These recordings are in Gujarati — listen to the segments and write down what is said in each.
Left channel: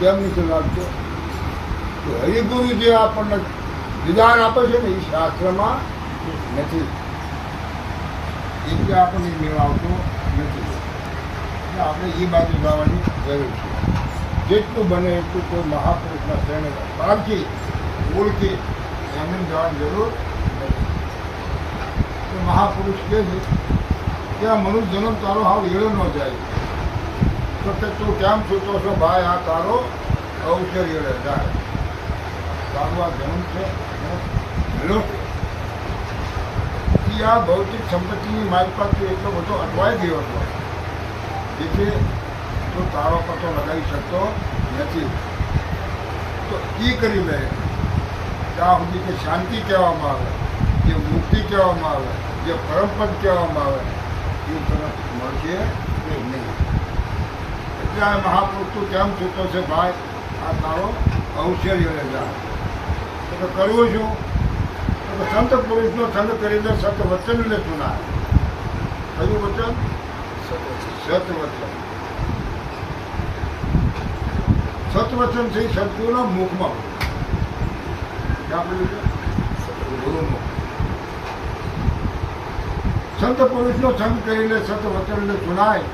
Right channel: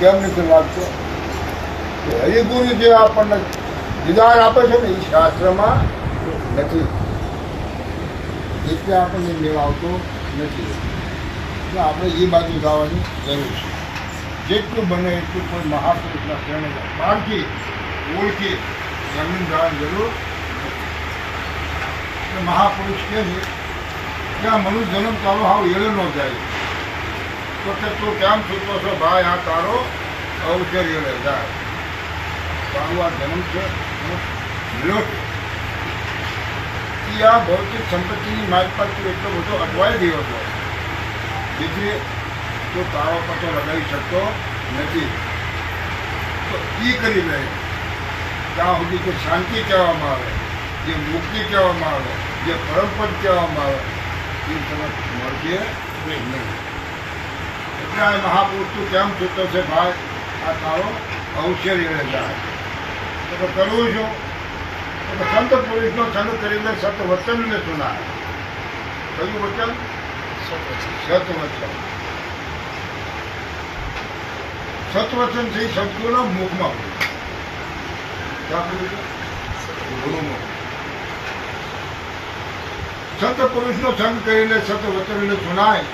કેમ નથી લાગતો? હરિગુરુ જે આપણને વિધાન આપે છે ને એ શાસ્ત્રમાં નથી, એટલે આપણને મેળ આવતો નથી. એટલે આપણે એ બાજુ જવાની જરૂર છે. જેટલું બને એટલું કોઈ મહાપુરુષના શરણે પારખી ઓળખી જમીન જવાની જરૂર નથી. મહાપુરુષ કહે છે કે આ મનુષ્ય જન્મ તારો હાવ એળો ન જાય, તો કે તું કેમ છૂટો છો ભાઈ, આ તારો અવસર એળે જાય. તારું આ જન્મ છે મેળો એ આ ભૌતિક સંપત્તિની મારી પાસે એટલો બધો અટવાઈ ગયો હતો, એટલે તું તારો પતો લગાવી શકતો નથી. તો એ કરી લે ત્યાં સુધી કે શાંતિ કહેવામાં આવે, જે મુક્તિ કહેવામાં આવે, જે પરમપદ કહેવામાં આવે એ તરફ મળશે નહીં. એટલે આ મહાપુરુષ તું કેમ છૂટો છે ભાઈ, આ તારો અવસર એને જાય. તો કરવું છું તો સંત પુરુષનો સંગ કરીને સત વચનને સુનાય. કયું વચન? સત વચન. સતવચન છે સદગુરુના મુખમાં ક્યાં બોલું છે? ગુરુનું. સંત પુરુષનો સંગ કરીને સત વચનને સુનાય.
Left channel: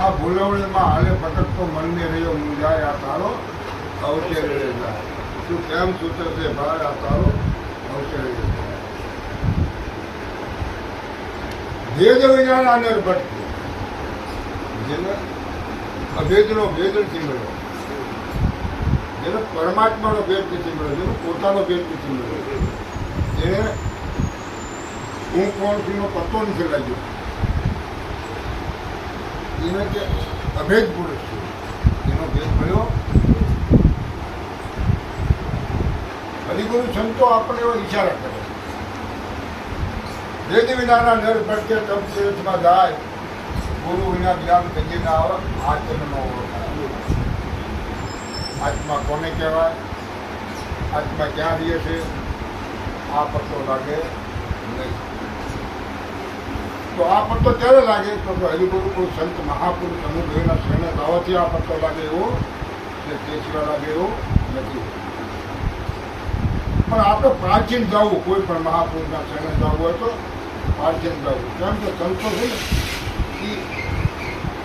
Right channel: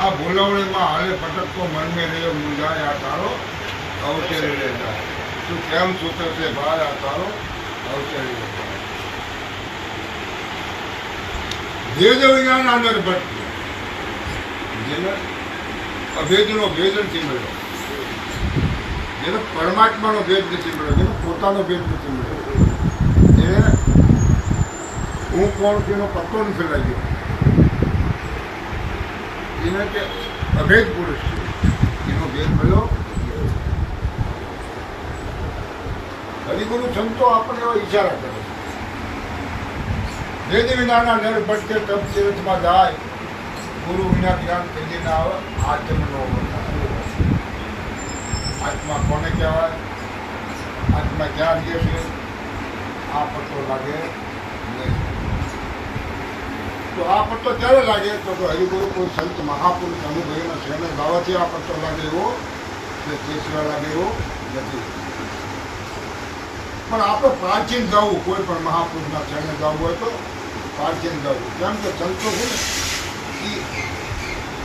આ બોલવણીમાં હાલે ભટકતો મનને રહ્યો મુંજાય, આ તારો અવસર જાય. તું કેમ સૂતો છે ભાઈ, આ તારો અવસર જાય. ભેદ વિના નર ભટકે, અભેદનો ભેદ નથી મળ્યો, જેને પરમાત્માનો ભેદ નથી મળ્યો, જેને પોતાનો ભેદ નથી મળ્યો, જેને હું કોણ છું એનો પત્તો નથી લાગ્યો, એને તે અભેદ પુરુષ છે એનો ભેદ મળ્યો. હરિગુરુ સંતો આપણે એવા ઈશારા કરે છે. ભેદ વિનાના નર ભટકે તપ તીર્થમાં જાય, ગુરુ વિના જ્ઞાન કરીએ ના આવે, આત્મનો આત્મા કોને કહેવાય, આત્મા ક્યાં રહે છે આ પત્તો લાગે નહીં. તો આ પત્તો ક્યારે લાગે? તો હરિગુરુ કોઈ સંત મહાપુરુષ અનુભવીના શરણે ગાવાથી આ પત્તો લાગે એવો તે સિવાય લાગે એવો નથી. પણ આપણે પ્રાચીન ગાવું, કોઈ પણ મહાપુરુષના શરણે ગાવું હોય તો પ્રાચીન ગાવું. કેમ કે સંતો છે ને એ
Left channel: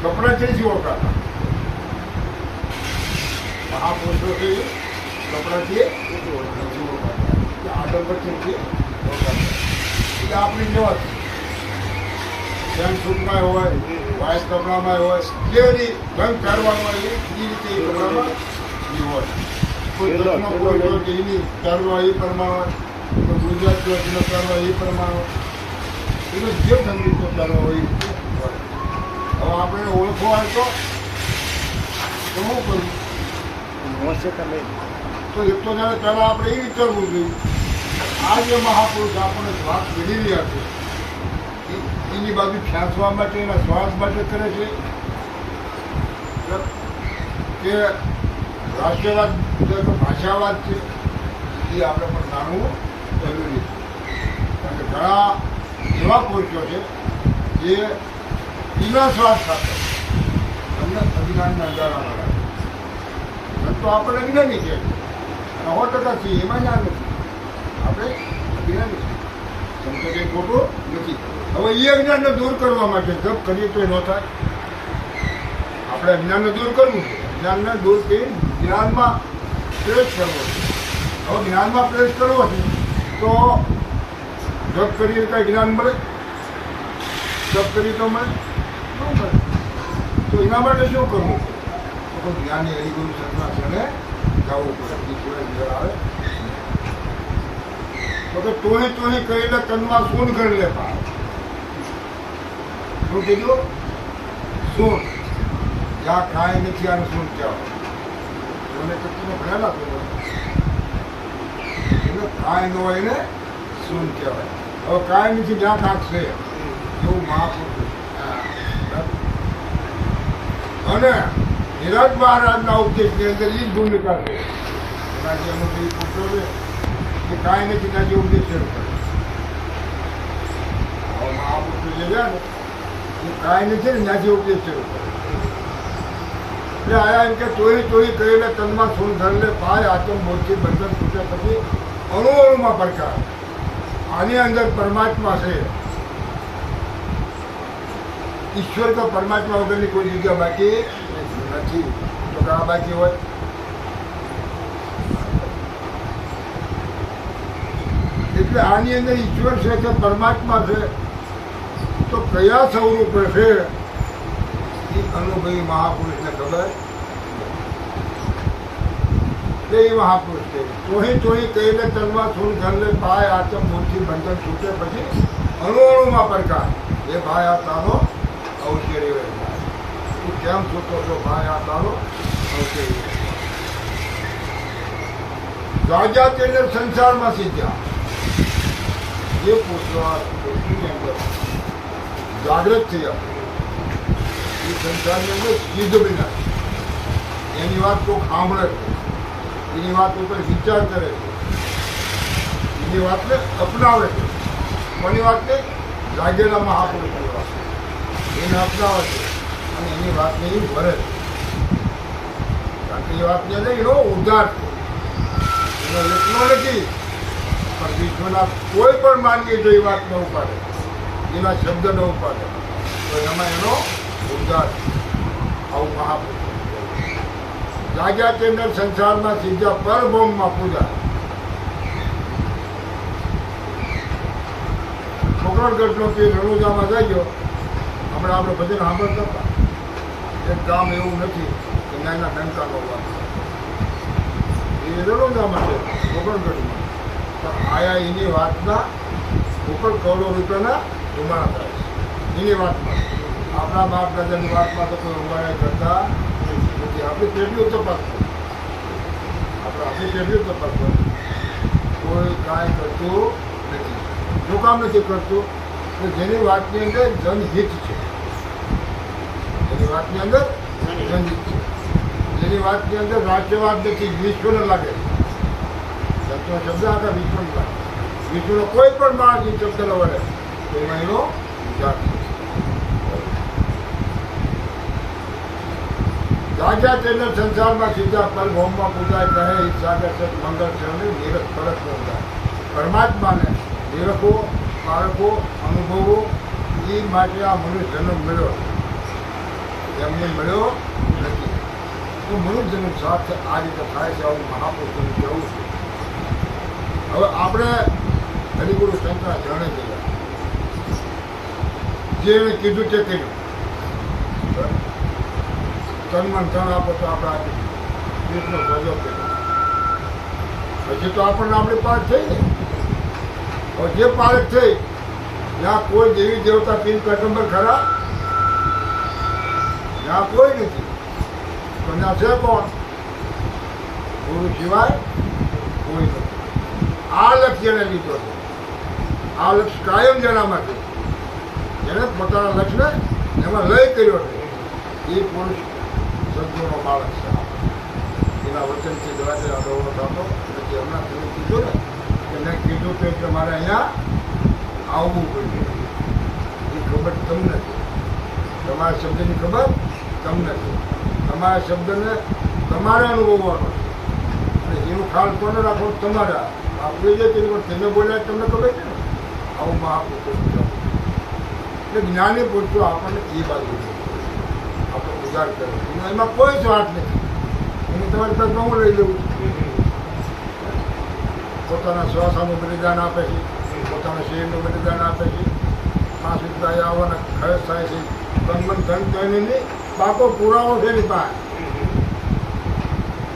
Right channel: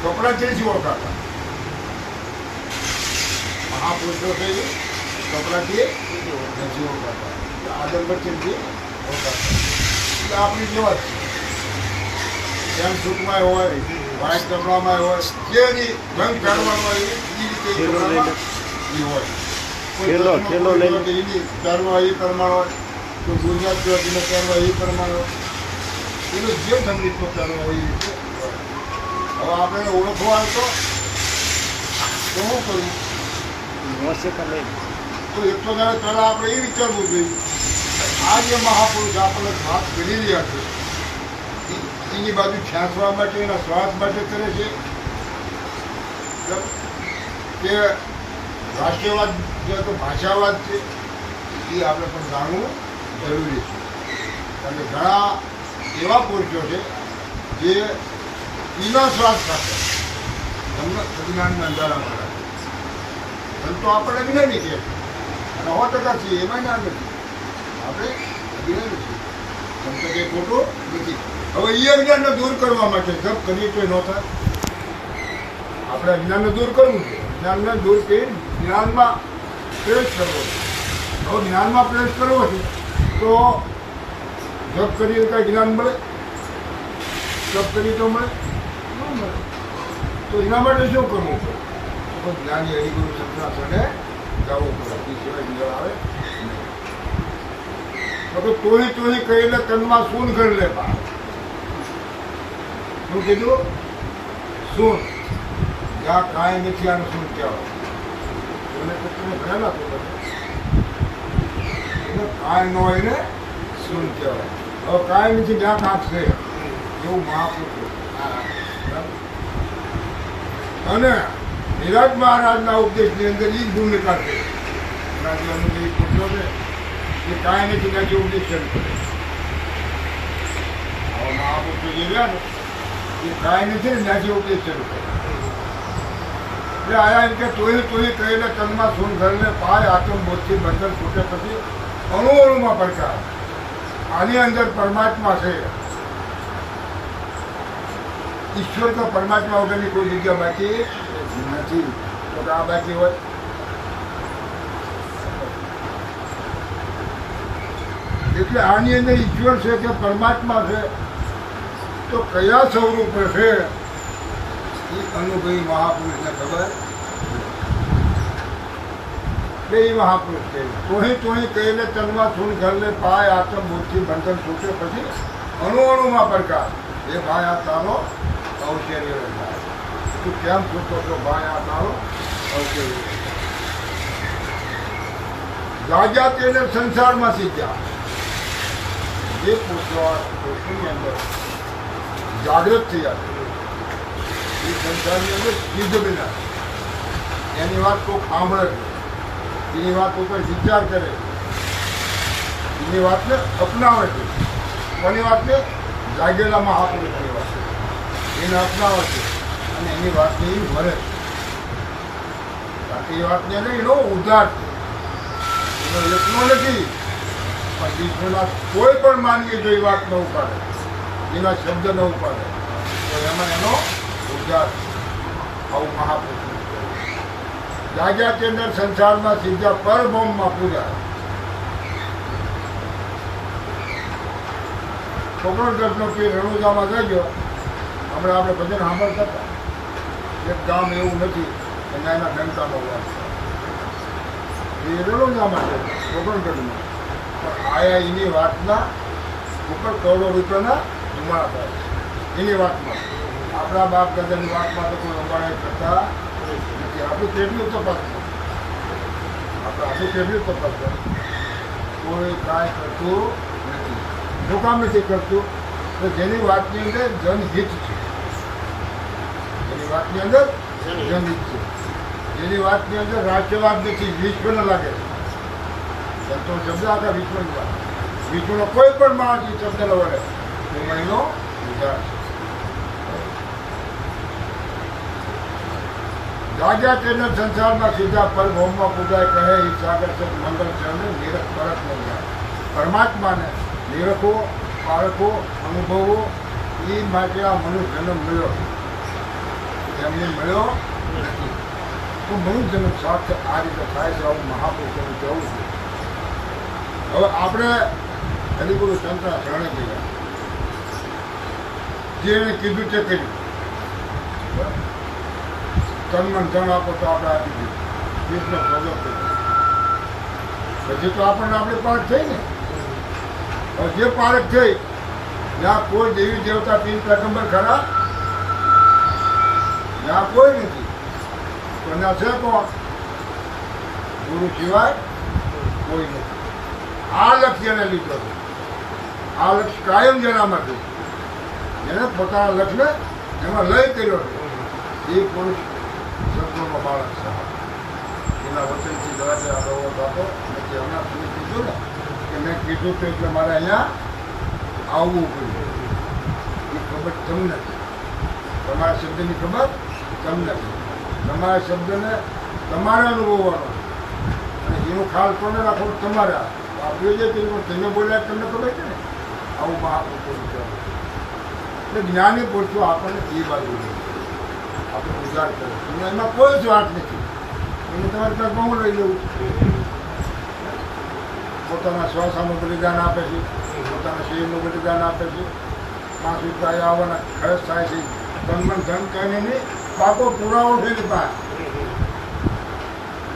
કપડા ચેથી ઓળખાતા, મહાપુરુષો છે કપડાથી નથી ઓળખાતા, આદમથી ઓળખાતા. એટલે આપણી જવા છે જેમ સૂટમાં હોય, વ્હાઈટ કપડામાં હોય, જે રંગ કાઢવામાં હોય એ રીતે કપડામાં હોય. કોઈ એની પહેરવા એ પ્રમાણ હોય, તો ગુજરાતીનો પહેરવા એ પ્રમાણ હોય, એટલે જે સંગીતનો પહેરવા હોય એ રીતે હોય. હવે આપણે ઓળખવા હોય તો શું કરવું? તો એક તો જયારે પહેલાં આપણે એ વિચારવું જોઈએ આ જે મહાપુરુષ આપણને શ્વાસ કરી રહ્યા છે એની બાજુ ખેંચવા માટે, એના શ્વાસ માટે કરે છે કે રાષ્ટ્રવાદ તો ભાષાવાદ છે, એ આપણે પણ જાણવું જરૂરી છે. કારણ કે ઘણા એવા પુરુષો છે જે વિના શ્વાસ સાથે તમને અજ્ઞાનના અંધારામાં રાખે. તો આપણે અજ્ઞાની છે અને 100% છીએ, એમાં ના નથી, આપણે અજ્ઞાની છીએ. એમ તો કંઈ ખોટું નથી. હવે એ અજ્ઞાનને દૂર કરવા માટે જપ કરીએ તો એ ન થાય. આપણે અજ્ઞાનને દૂર કરવું છે, જ્ઞાનને દૂર કરી જ્ઞાનમાં પ્રવેશ કરવો છે. હવે જ્ઞાનમાં પ્રવેશ કરવો છે તો જપ કરીએ કાંઈ જ્ઞાન મળે? જપ કરીએ તો મળે? ન મળે. તો એના માટે શું કરવું પડે? તો જ્ઞાની હરિગુરુ સંતના શરણે જવું પડે, એ સિવાય મેળ આવે. તો તોહી કહીને તનમાં સૂન કરી લે. શું કીધું? સૂન. જ્યાં કાંઈ નથી આને સૂન કહેવાય. એને તમે ભણેલા તો એને કાંઈ ન હોય ને સૂન કહેવાય. હવે કાંઈ નથી જ્યાં કાંક છે એવું મહાપુરુષ. અને નિરજ મહારાજના ઉપદેશની અંદર એ જ ભૂમિકા છે. રાજ્યનું જે પૂછો છે કે કાંઈ નથી ત્યાં જે ઉપદેશ શરૂ કરે. હવે મહાપુરુષો જે રહ્યા ને એ કાંઈ નથી ને ત્યાંથી ઉપદેશ શરૂ કરે. એટલે આયા એમ કે તોય કહીને તનમાં સૂન ધરને પાય આત્મ બોધથી બંધન છૂટે પછી અણુઓમાં પડકાર. આની અંદર પરમાત્મા છે. ઈશ્વર તો પરમાત્મા વગરની કોઈ જગ્યા બાકી નથી. તો આ બાકી હોય એટલે આની અંદર ઈશ્વર છે કે પરમાત્મા છે તો કયા સ્વરૂપ છે એ અનુભવી મહાપુરુષને ખબર. તે મહાપુરુષ છે તોહી કહીને તનમાં સૂન ઘરને ભાઈ આત્મ બુદ્ધિ બંધન છૂટે પછી અણુમાં પડકાર. એ ભાઈ આ તારો ઔષધ્ય તું કેમ છૂટો છો ભાઈ આ તારો ઔષધ્ય. જાગ્યા તેને સંસારમાં શીખ્યા. જે પૃથ્વીની અંદર જાગૃત થયા એ સંસારની અંદર સિદ્ધ બન્યા. એની વાત કોઈ સાંભળે છે, એની વાત કોઈ વિચાર કરે છે, એની વાતને અપનાવે છે. કોની વાતને? જાગેલા મહાપુરુષની વાત એને અપનાવે છે અને એની વાતને એ ભરે છે. કારણ કે એ વાતને નહીં એનો ઉદ્ધાર છે. એનો એકનો નથી પણ વિશ્વના કોઈ પણ માનવી જો એ વાત ન ઉપાડે, એના શબ્દ ન ઉપાડે તો એમાં એનો ઉદ્ધાર આવું મહાપુરુષ. જાગ્યા કેન્દ્ર સંસારમાં સીધા પરબ્રહ્મમાં પૂજા. કોકણગઢનો તે રણુજામાં જઈજો. હમણાં આપણે ભજન સાંભળતા હતા. એક ગામ એવું નથી કે નાના ડંકાનો વાત છે. એ રણુજામાં છે કોકણગઢમાં. પણ આયા એની વાતના ઉપર કરોડો રૂપિયાના ધુમાડા થાય છે. એની વાતમાં આપણા બાપ દાદાની વાતમાં તો કોઈ ઉંબાડા કરતા નથી. આપણું કેટલું તપાસવું, આપણું કેટલું તપાસવું. કોઈ કાંઈ કરતું નથી. શું કામ નથી કરતું? તો જેની વાતની અંદર જનહિત છે, જેની વાતની અંદર જનહિત છે, જેની વાતની અંદર રાષ્ટ્રવાદ નથી, વિશ્વને લાગે. સંતો શબ્દ આખા વિશ્વને લાગે. વિશ્વનો કોઈ પણ માણસ શબ્દ ન વળે તો એમાં એનો ઉદ્ધાર છે. જાગ્યા તેના સંસારમાં સીધા પરબ્રહ્મમાં પૂજાય કહે ઈચ્છાગર સત મંગળ ચરણે નિરખ પરત ઉદ્ધાર. પરમાત્માને નિરખો, પારખો, અનુભવો એ માટે આ મનુષ્ય જન્મ મળ્યો. એમને મળ્યો નથી. તો મનુષ્ય જન્મ સાથે આ રીતે થાય છે. આવું મહાપુરુષોનું કહેવું છે. હવે આપણે હરિગુરુ સંતના શરણે ગયા. જે એને કીધું તે કર્યું. તન ધન આપો તો આપણે આપી દીધું. કૃષ્ણ સોજો કર્યો. પછી તો આપણને આપણી પાઠ થઈ ને. હવે જે પારખ થઈ ત્યાં કોઈ દેવી દેવતા પીર પેગમ્બર ખરા? ત્યાં કોઈ નથી. તો ત્યાં છે કોણ? ગુરુ સિવાય કોઈ નથી. આ લક્ષ્ય એને લીધો છે. આ લક્ષ્ય કાયમ જેનામાં છે. જેને પોતાના લક્ષ્યને એમાં લય કર્યો છે એ પુરુષ સંતોનો બાળક છે. એના વચનથી જરાક અગો થતો નથી. હમણાં તમે કીધું ને કે મેં કીધું તો એટલે મારે અહીંયા આવવું પડ્યું. એ ખબર તમને છે. તમારા શબ્દની ખબર તમને છે. તમારા શબ્દને તમારે અનુભવવાનો છે અને એનું ખ્યાલ કોને રાખો? તમારા આપણે જે કર્યું તેને બોલ્યા તમને ખબર છે ને. આવું મહાપુરુષો છે. એટલે જ્ઞાની પુરુષો આપણને એ બાજુ આપણે ઉદાર કરો. એમાં કોઈ સ્વાર્થ નથી. એનું તમારી પાસે બહુ લઈ લેવું. પોતાના શ્વાસાનું બલિદાન આપે છે, પોતાના શરીરનું બલિદાન આપે છે. પાંચ રૂપિયા આવવાના ખર્ચ થાય છે. તન મન ધન કહીને નહીં, પાકો પુરાવો છે ને પાસે.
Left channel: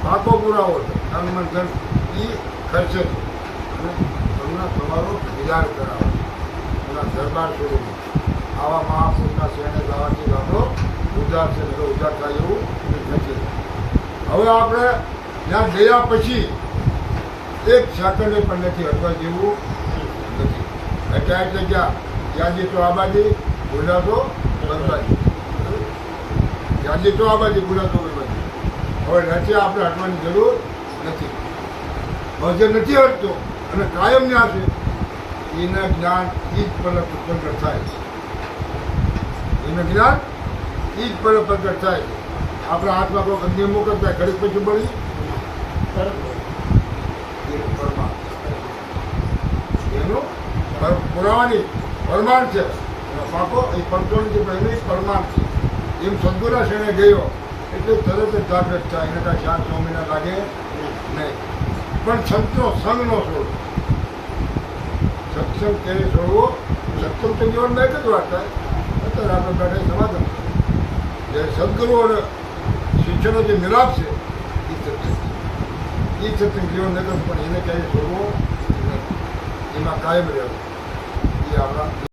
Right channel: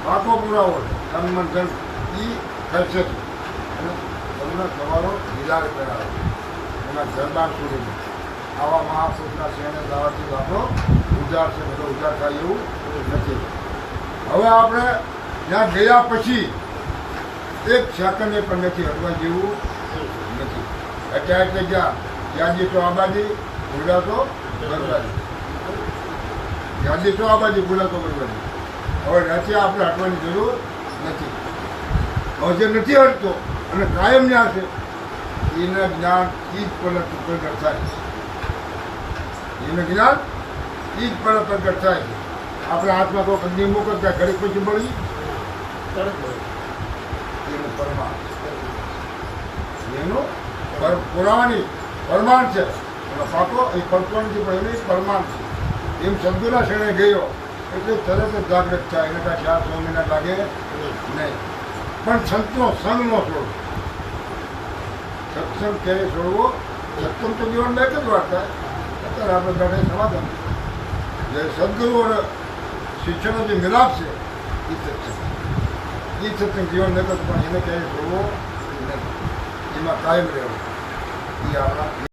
પાકો પુરાવો છે. તન મન ધન એ ખર્ચે છે. તમને તમારો વિચાર કરાવે એના દરબાર સુધી. આવા મહાપુરુષના શરણે જવાથી આપણો ઉદ્ધાર છે. એટલે ઉદ્ધાર થાય એવું નથી. હવે આપણે ત્યાં ગયા પછી એક સેકન્ડે પણ નથી હટવા જેવું નથી. એટલે ગયા યાદી તો આબાદી, ભૂલા તો બરબાદી. યાદી તો આબાદી, ભૂલા તો બરબાદી. હવે નથી આપણે હટવાની જરૂર નથી. હવે જે નથી હટતો અને કાયમ જ્યાં છે એના જ્ઞાન એ જ પર પ્રગટ થાય છે. એનું જ્ઞાન એ જ પર પ્રગટ થાય છે. આપણા હાથમાં કોઈ અગ્નિ મૂકતા ઘડીક પછી બળી તરત હોય. એનું પરમાણ એનું પુરાવાની પરમાણ છે એનો પાકો એ પડતો નથી પણ એની પરમાણ એમ સદગુના શેણે ગયો એટલે તરત જ જાગૃત થાય એને કાંઈ 4 મહિના લાગે નહીં. પણ સંતનો સંગ નો છોડવો. સત્સંગ ક્યારે છોડવો? સત્સંગ તો જીવનમાં એક જ વાત થાય. અત્યારે આપણે બેઠા સમાધાન જે સદગુરુ અને શિષ્યનો જે મિલાપ છે એ સત્સંગ જીવન નગર પણ એને ક્યાંય છોડવો નહીં. એમાં કાયમ રહેવું એ આપણા